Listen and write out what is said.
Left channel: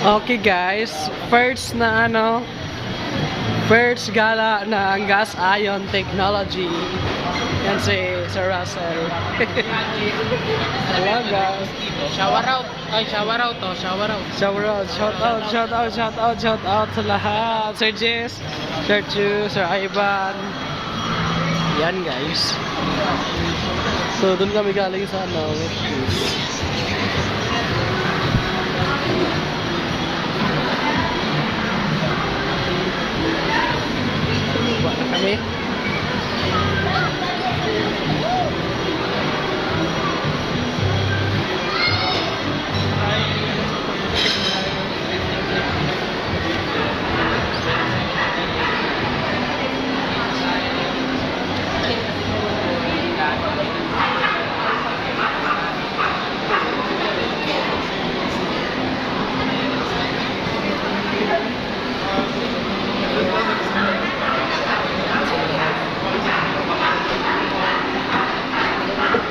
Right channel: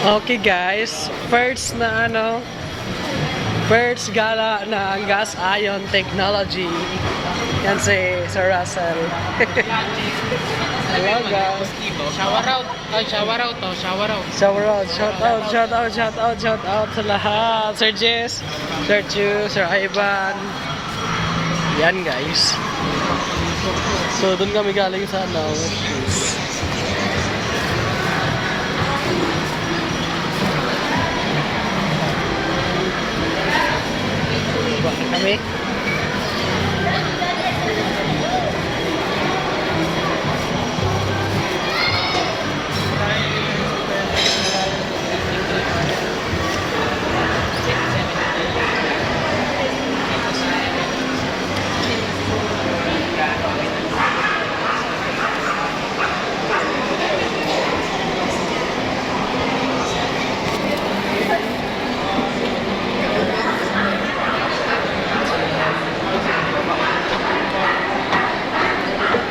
Okay guys, first gala na ang gas ion technology. Yan si Sir Russell. Hello guys. Shower out. Ay, shower out to. Shower out. Shout out sa lahat. Sir Jess, Sir Chu, Sir Ivan. Yan guys. So, dun kami galing sa